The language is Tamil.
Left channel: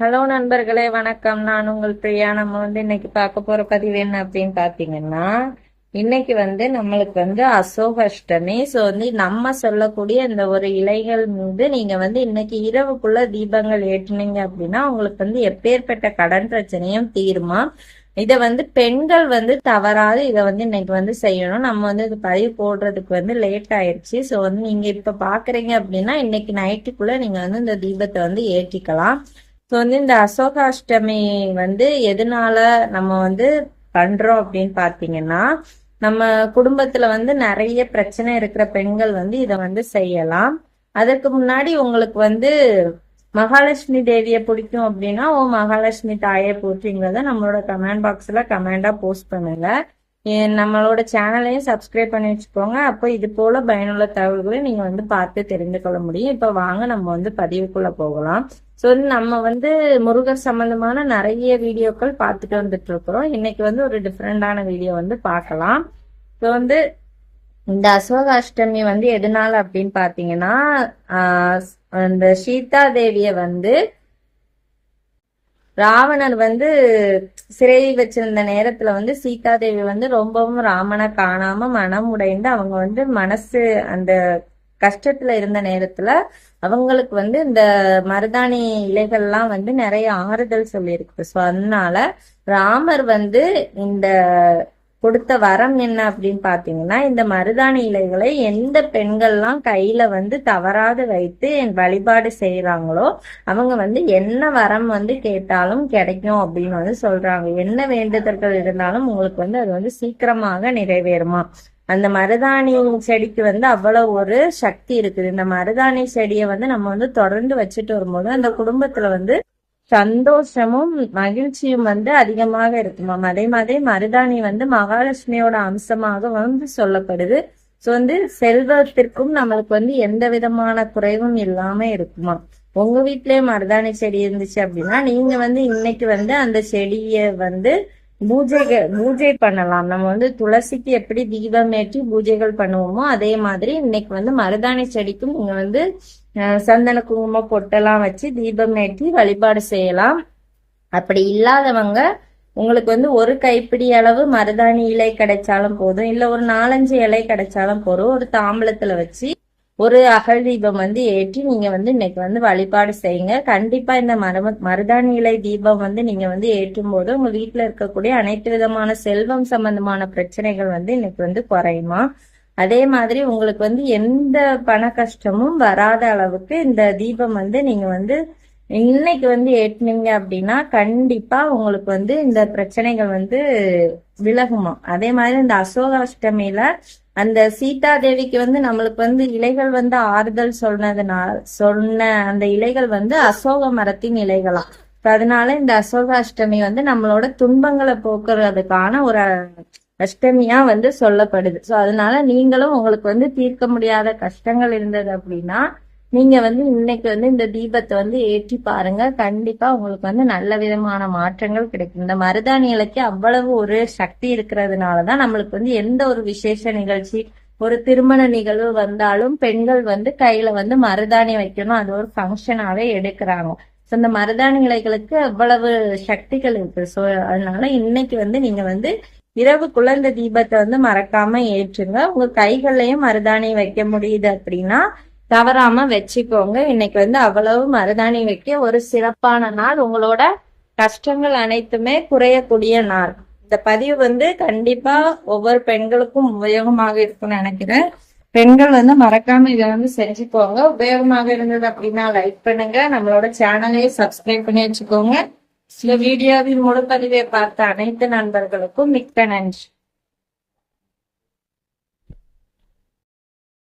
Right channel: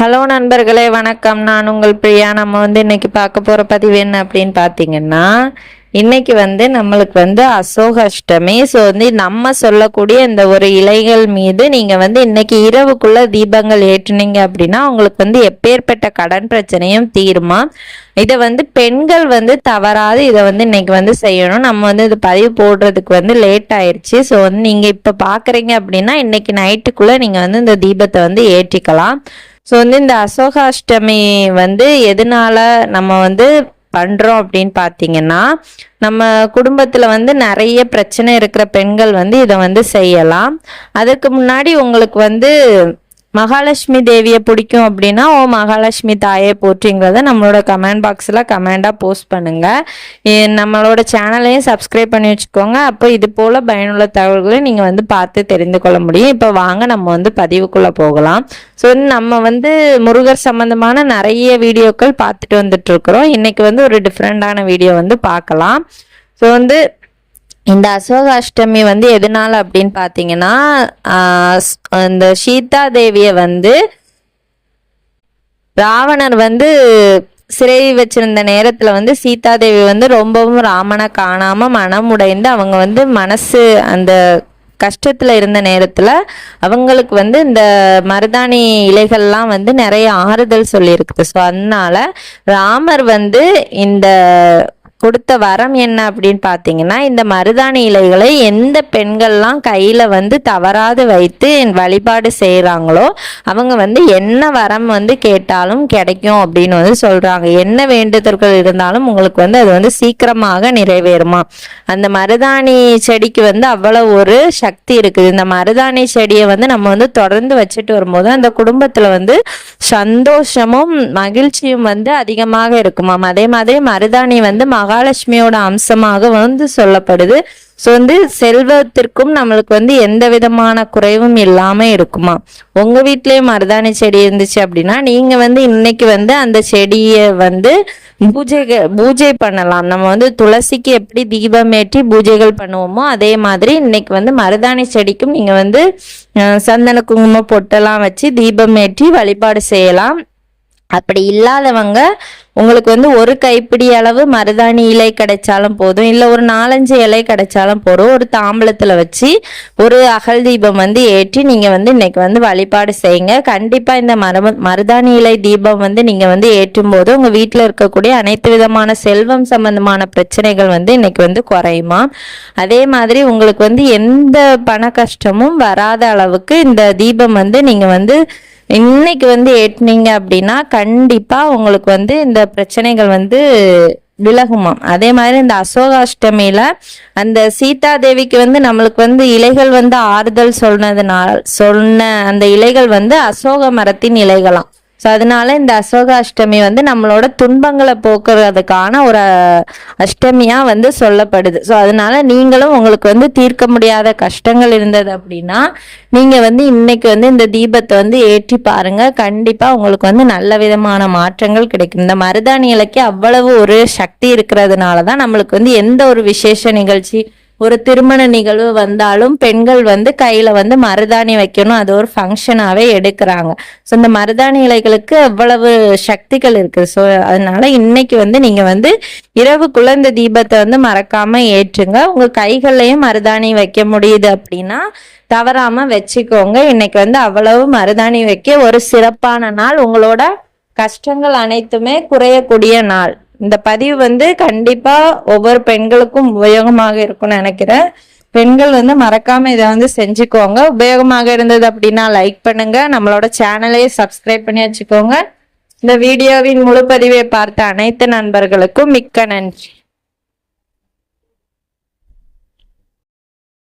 ஹலோ நண்பர்களே, வணக்கம். நான் உங்கள் பிரியா. நம்ம இன்னைக்கு பார்க்க போற பதிவு என்ன அப்படின்னு பார்த்தீங்கன்னா, இன்னைக்கு நம்மளுக்கு அசோக அஷ்டமி. ஸோ நம்ம சொல்லக்கூடிய இந்த ஒரு இலைகள் மீது நீங்க இன்னைக்கு இரவுக்குள்ள தீபங்கள் ஏற்றுனீங்க அப்படின்னா உங்களுக்கு எப்பேற்பட்ட கடன் பிரச்சனையும் தீருமா. இதை பெண்கள் தவறாது இதை இன்னைக்கு செய்யணும். நம்ம இது பதிவு போடுறதுக்கு லேட் ஆயிடுச்சு. ஸோ நீங்க இப்ப பாக்குறீங்க அப்படின்னா இன்னைக்கு நைட்டுக்குள்ள நீங்க இந்த தீபத்தை ஏற்றிக்கலாம். ஸோ இந்த அசோகாஷ்டமி எதனால நம்ம பண்றோம் அப்படின்னு பார்த்தீங்கன்னா, நம்ம குடும்பத்துல நிறைய பிரச்சனை இருக்கிற பெண்கள் இதை செய்யலாம். அதுக்கு முன்னாடி உங்களுக்கு மகாலட்சுமி தேவியை பிடிக்கும் அப்படின்னா, ஓ மகாலட்சுமி தாயை போற்றிங்கிறத நம்மளோட கமெண்ட் பாக்ஸில் கமெண்டாக போஸ்ட் பண்ணுங்க. நம்மளோட சேனலையும் சப்ஸ்கிரைப் பண்ணி வச்சுக்கோங்க. அப்போ இது போல் பயனுள்ள தகவல்களை நீங்கள் பார்த்து தெரிந்து கொள்ள முடியும். இப்போ வாங்க நம்ம பதிவுக்குள்ளே போகலாம். ஸோ நம்ம முருகர் சம்பந்தமான நிறைய வீடியோக்கள் பார்த்துட்டு வந்துட்டு இருக்கிறோம். இன்னைக்கு ஒரு டிஃப்ரெண்டான வீடியோ பார்க்கலாம். ஸோ இந்த அசோக அஷ்டமி எதனால அப்படின்னு பார்த்தீங்கன்னா, இந்த சீதா தேவிய ராவணர் சிறை வச்சிருந்த நேரத்துல சீதா தேவி ரொம்பவும் ராமனை காணாம மனம் உடைந்து அவங்க மனசு அந்த கஷ்டத்துல இருந்த நேரத்துல அவங்களுக்கு இந்த மருதாணி இலைகள்லாம் நிறைய ஆறுதல் சொல்லி இருக்குது. ஸோ அதனால ராமர் இந்த கொடுத்த வரம் என்ன அப்படின்னு பார்த்தீங்கன்னா, இந்த மருதாணி இலைகளை எந்த பெண்கள்லாம் கையில தவறாது வைத்து வழிபாடு செய்யறாங்களோ அவங்க என்ன வரம் கேட்டாலும் கிடைக்கும் அப்படின்னு சொல்றாங்க. என்ன வேண்டுதல்கள் இருந்தாலும் உங்களுக்கு அது சீக்கிரமாக நிறைவேறுமா. அந்த மருதாணி செடிக்கு அவ்வளவு ஒரு சக்தி இருக்குது. இந்த மருதாணி செடியை நம்ம தொடர்ந்து வச்சுட்டு வரும்போது அந்த குடும்பத்துல சந்தோஷமும் மகிழ்ச்சியும் அதிகமாக இருக்குமாம். அதே மாதிரி மருதாணி மகாலட்சுமியோட அம்சமாக சொல்லப்படுது. ஸோ செல்வத்திற்கும் நம்மளுக்கு எந்த விதமான குறைவும் இல்லாம இருக்குமா. உங்க வீட்லயும் மருதாணி செடி இருந்துச்சு அப்படின்னா நீங்க இன்னைக்கு அந்த செடியை பூஜை பண்ணலாம். நம்ம துளசிக்கு எப்படி தீபம் ஏற்றி பூஜைகள் பண்ணுவோமோ அதே மாதிரி இன்னைக்கு மருதாணி செடிக்கும் நீங்க சந்தன குங்குமம் பொட்டெல்லாம் வச்சு தீபம் ஏற்றி வழிபாடு செய்யலாம். அப்படி இல்லாதவங்க உங்களுக்கு ஒரு கைப்பிடி அளவு மருதாணி இலை கிடைச்சாலும் போதும், இல்லை ஒரு 4-5 இலை கிடைச்சாலும் போதும். ஒரு தாம்பலத்துல வச்சு ஒரு அகல் தீபம் ஏற்றி நீங்க இன்னைக்கு வழிபாடு செய்யுங்க. கண்டிப்பா இந்த மருதாணி இலை தீபம் நீங்க ஏற்றும் போது உங்க வீட்டுல இருக்கக்கூடிய அனைத்து விதமான செல்வம் சம்பந்தமான பிரச்சனைகள் இன்னைக்கு குறையுமா. அதே மாதிரி உங்களுக்கு எந்த பண கஷ்டமும் வராத அளவுக்கு இந்த தீபம் நீங்க இன்னைக்கு ஏற்றுனீங்க அப்படின்னா கண்டிப்பா உங்களுக்கு இந்த பிரச்சனைகள் விலகுமாம். அதே மாதிரி இந்த அசோகாஷ்டமியில அந்த சீதா தேவிக்கு நம்மளுக்கு இலைகள் ஆறுதல் சொன்ன அந்த இலைகள் அசோக மரத்தின் இலைகளாம். ஸோ அதனால இந்த அசோக அஷ்டமி நம்மளோட துன்பங்களை போக்குறதுக்கான ஒரு அஷ்டமியா சொல்லப்படுது. ஸோ அதனால நீங்களும் உங்களுக்கு தீர்க்க முடியாத கஷ்டங்கள் இருந்தது அப்படின்னா நீங்க இன்னைக்கு இந்த தீபத்தை ஏற்றி பாருங்க. கண்டிப்பா உங்களுக்கு நல்ல விதமான மாற்றங்கள் கிடைக்கும். இந்த மருதாணி இலைக்கு அவ்வளவு ஒரு சக்தி இருக்கிறதுனாலதான் நம்மளுக்கு எந்த ஒரு விசேஷ நிகழ்ச்சி ஒரு திருமண நிகழ்வு வந்தாலும் பெண்கள் கையில மருதாணி வைக்கணும், அது ஒரு ஃபங்க்ஷனாவே எடுக்கிறாங்க. ஸோ இந்த மருதாணி இலைகளுக்கு அவ்வளவு சக்திகள் இருக்கு. ஸோ அதனால இன்னைக்கு நீங்க இரவுக்குள்ள இந்த தீபத்தை மறக்காம ஏற்றுங்க. உங்க கைகள்லயும் மருதாணி வைக்க முடியுது அப்படின்னா தவறாம வச்சுக்கோங்க. இன்னைக்கு அவ்வளவு மருதாணி வைக்க ஒரு சிறப்பான நாள். உங்களோட கஷ்டங்கள் அனைத்துமே குறையக்கூடிய நாள். இந்த பதிவு கண்டிப்பா ஒவ்வொரு பெண்களுக்கும் உபயோகமாக இருக்கும்னு நினைக்கிறேன். பெண்கள் மறக்காம இதை செஞ்சுக்கோங்க. உபயோகமாக இருந்தது அப்படின்னா லைக் பண்ணுங்க. நம்மளோட சேனலையே சப்ஸ்கிரைப் பண்ணி வச்சுக்கோங்க. இந்த வீடியோவின் முழு பதிவை பார்த்த அனைத்து நண்பர்களுக்கும் மிக்க நன்றி.